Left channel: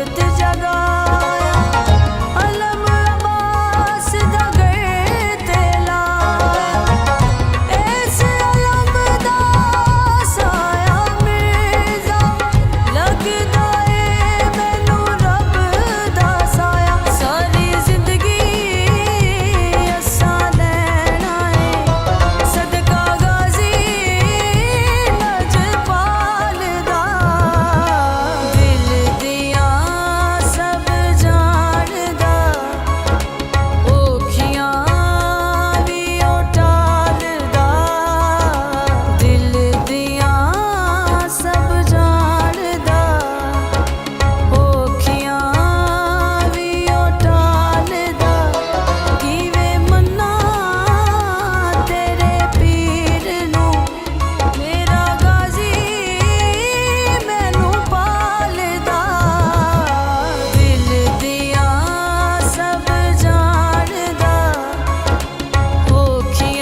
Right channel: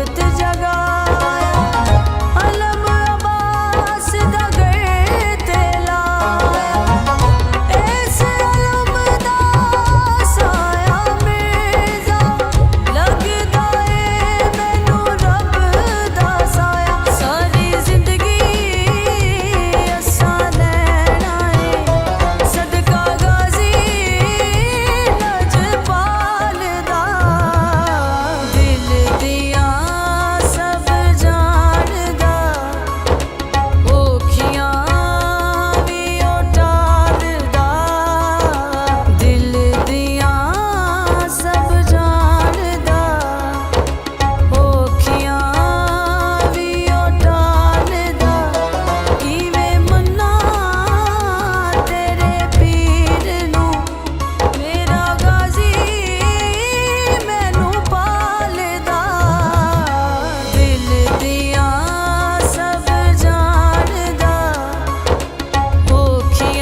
वक्त जगाया अलम अब्बास दा घर ते लाया इस अलम दा साया मिर्जा लगदा ए मैनू रब दा साया सारी जिंदगी असा लैना है सदका गाजी लजपाल दा दिल दिया सब जानदा औखियां भी ओ टालदा दिल दिया सब जानदा औखियां भी ओ टालदा किवें मन्ना तेरे पीर नू मेरा गाजी मैनू पालदा दिल दिया सब जानदा औखियां